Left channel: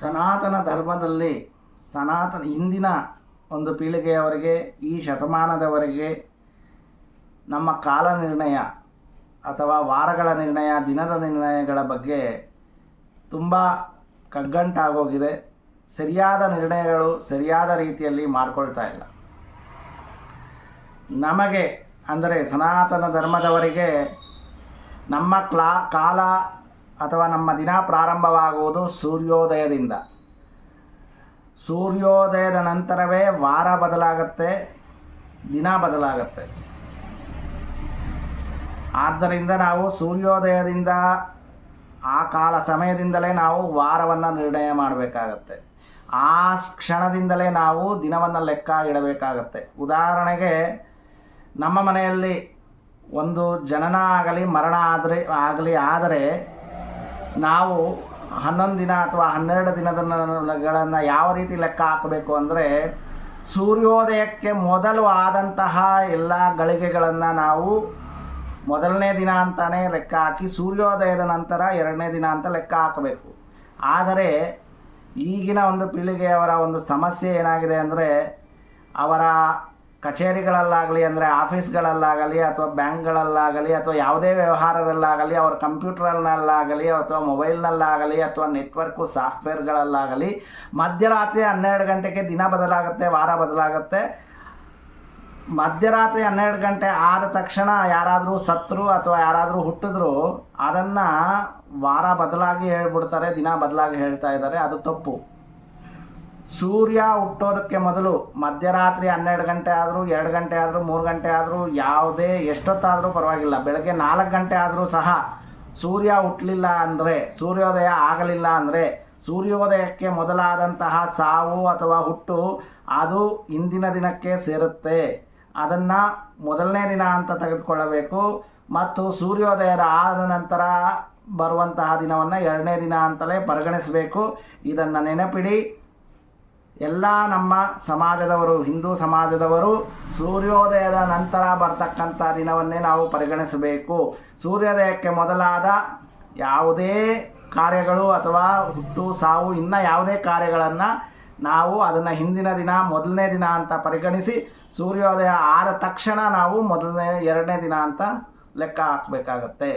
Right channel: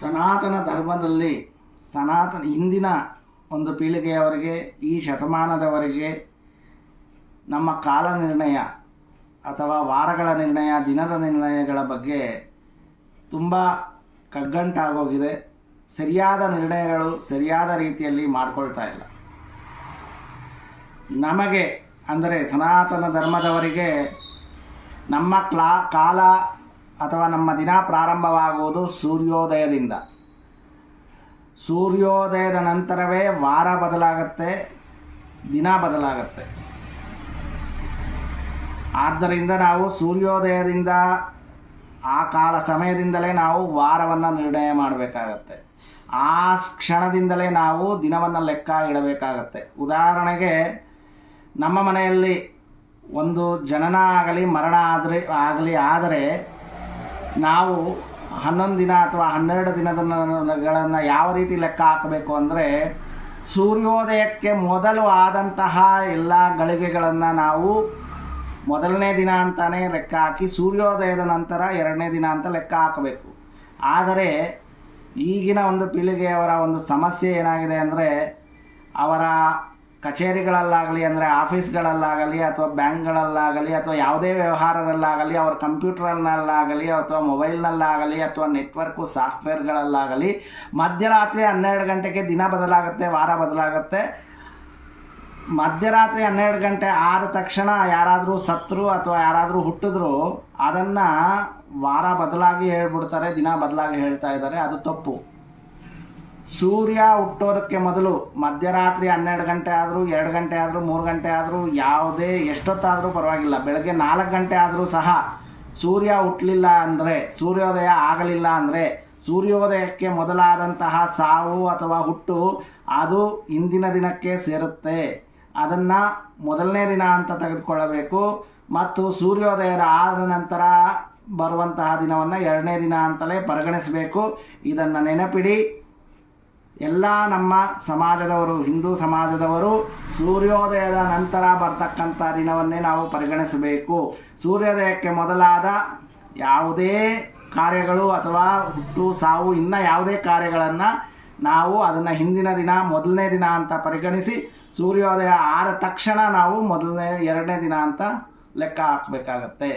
ಸನಾತನ ಧರ್ಮದಲ್ಲಿ ಹಿಂದಿನ ಒಂದು ಪೀಳಿಗೆಯವರೆಗೆ ಈ ಶತಮಾನದವರೆಗೆ ನಮ್ಮ ಕಾಲ ನಿರ್ಣಯ ಅಥವಾ ವಾರಗಳ ನಿರ್ಣಯ, ದಿನದ ನಿರ್ಣಯಗಳ ಬಗ್ಗೆ ತುಂಬ ಕಗ್ಗಂಟಾಗೋಗಿದೆ. ಸರಿಯಾದ ನಿರ್ಣಯಗಳು ಸರಿಯಾದ ರೀತಿಯಲ್ಲಿ ಮಾಡ್ಕೊಳ್ತಾ ಇಲ್ಲ. ನಮಗೆ ಅಂದರೆ ಸನಾತನ ಧರ್ಮದವರಿಗೆ ನಮ್ಮ ಕಾಲ ಅಥವಾ ನಮ್ಮ ದಿನ ಪ್ರಾರಂಭವಾಗುವುದು ಸೂರ್ಯೋದಯದಿಂದ. ಸೂರ್ಯೋದಯದ ನಂತರವೇ ವಾರ ಬದಲಾಗತ್ತೆ, ದಿನ ಬದಲಾಗತ್ತೆ. ಆದ್ದರಿಂದ ನಾವು ಸೂರ್ಯೋದಯದಿಂದ ಆ ಕಾಲ ಸಮಯದಿಂದಲೇ ನಾವು ವಾರವನ್ನು ನಿರ್ಣಯ ಮಾಡಬೇಕಾಗತ್ತೆ. ಆ ಕ್ಷಣದಿಂದಲೇ ನಾವು ದಿನವನ್ನು ಲೆಕ್ಕ ಇಡಬೇಕಾಗತ್ತೆ. ಉದಾಹರಣೆಗೆ, ನಮ್ಮ ಮನೆಯಲ್ಲಿ ಒಂದು ಜನನ ಆಗಲಿ ಮರಣ ಆದರೆ ನಾವು 11 ದಿನ ಅಥವಾ 12 ದಿನಗಳನ್ನು ಯಾವ ರೀತಿ ಲೆಕ್ಕ ಹಾಕಬೇಕು ಅಂದರೆ, ಸೂರ್ಯೋದಯಕ್ಕೆ ಮೊದಲು ಆದಂತಹ ಎಲ್ಲ ಗಳಿಗೆಗಳನ್ನು ನಾವು ಮೊದಲನೇ ದಿನ ಅಂತಲೇ ಲೆಕ್ಕ ಹಾಕಿ ಸೂರ್ಯೋದಯದ ನಂತರ 2ನೇ ದಿನ ಅಂತ ಲೆಕ್ಕ ಹಾಕಬೇಕು. ಆದರೆ ಈಗಿನ ಒಂದು ಪೀಳಿಗೆಯವರ ಒಂದು ಸಮಸ್ಯೆ ಏನಾಗಿದೆ ಅಂದರೆ, ಅವರ ಕಚೇರಿಗಳಲ್ಲಾಗಲಿ ಅಂದರೆ ಆಫೀಸ್ಗಳಲ್ಲಾಗಲಿ ಅಥವಾ ಬ್ಯಾಂಕ್ಗಳಲ್ಲಾಗಲಿ ಅಥವಾ ಯಾವುದೇ ವ್ಯವಹಾರದಲ್ಲಾಗಲಿ, ಅವರ ಕಂಪ್ಯೂಟರ್ನಲ್ಲಾಗಲಿ ಅಥವಾ ಮೊಬೈಲ್ನಲ್ಲಾಗಲಿ ಅಥವಾ ನೆಟ್ವರ್ಕು ಸಾಫ್ಟ್ವೇರ್ಗಳಲ್ಲಾಗಲಿ ಮಧ್ಯರಾತ್ರಿ 12 ಗಂಟೆಗೆ ದಿನ ಬದಲಾಗುತ್ತೆ, ವಾರ ಬದಲಾಗುತ್ತೆ. ಮಧ್ಯರಾತ್ರಿ 12 ಗಂಟೆ ಆದ ತಕ್ಷಣ ಯಾರಾದರೂ ಸತ್ತರು ಅಥವಾ ಯಾರಾದರೂ ಹುಟ್ಟಿದ್ರು ಅದನ್ನು ವಾರ ಬದಲಾಗಿ ಹೇಳ್ಬಿಡ್ತಾರೆ, ದಿನ ಬದಲಾಗಿ ಹೇಳ್ತಾ ಇದ್ದಾರೆ. ಅದು ತಪ್ಪು. ಸೂರ್ಯ ಹುಟ್ಟೋದಕ್ಕೆ ಮೊದಲು ಮಧ್ಯರಾತ್ರಿ 12 ಗಂಟೆ ಆದರೂ 2 ಗಂಟೆ ಆದರೂ 3 ಗಂಟೆ ಆದರೂ ಯಾವುದೇ ಎಷ್ಟೊತ್ತಾದರೂ ಪರವಾಗಿಲ್ಲ, ಬೆಳಗ್ಗೆ 4 ಗಂಟೆ ಆದರೂ ಸಹ ಸೂರ್ಯ ಹುಟ್ಟಲಿಲ್ಲ ಅಂದರೆ, ಸೂರ್ಯೋದಯ ಆಗಲಿಲ್ಲ ಅಂದರೆ, ಸೂರ್ಯೋದಯಕ್ಕೆ ಮೊದಲಾದಂತಹ ಸಾವು ಅಥವಾ ಹುಟ್ಟು ಅದು ಇಂದಿನ ದಿನಕ್ಕೆ ಸೇರುತ್ತೆ. ಅದನ್ನು ಮೊದಲನೇ ದಿನ ಅಂತ ತೆಗೆದುಕೊಳ್ಳಬೇಕು ಮತ್ತು ಸೂರ್ಯೋದಯದ ಆದ ನಂತರ ಬರುವಂತಹ ದಿನವನ್ನು 2ನೇ ದಿನ ಅಂತಲೇ ಪರಿಗಣಿಸಬೇಕು. ಇದನ್ನು ನೆನಪಿಡಿ. ಎಲ್ಲ ನಮ್ಮ ಸಮಾಜದವರು, ಹಿಂದೂ ಸಮಾಜದವರು ಸೂರ್ಯೋದಯದ ನಂತರ ಬರ್ತಕ್ಕಂಥ ದಿನವನ್ನೇ ನಾವು ಪರಿಗಣಿಸಬೇಕು. ಸೂರ್ಯೋದಯಕ್ಕೆ ಮೊದಲಾದ ಯಾವುದೇ ಕಾರ್ಯಗಳು ಅಥವಾ ಹುಟ್ಟು ಸಾವು ಇನ್ನು ಯಾವುದೇ ಕಾರ್ಯಗಳನ್ನು ನಾವು ಅದನ್ನು ಹಿಂದಿನ ದಿನ ಮೊದಲನೇ ದಿನ ಅಂತ ಪರಿಗಣಿಸಿ, ಸೂರ್ಯೋದಯ ಆದ ತಕ್ಷಣ ನಾವು 2ನೇ ದಿನ ಅಂತ ಲೆಕ್ಕ ಹಾಕಬೇಕಾಗತ್ತೆ.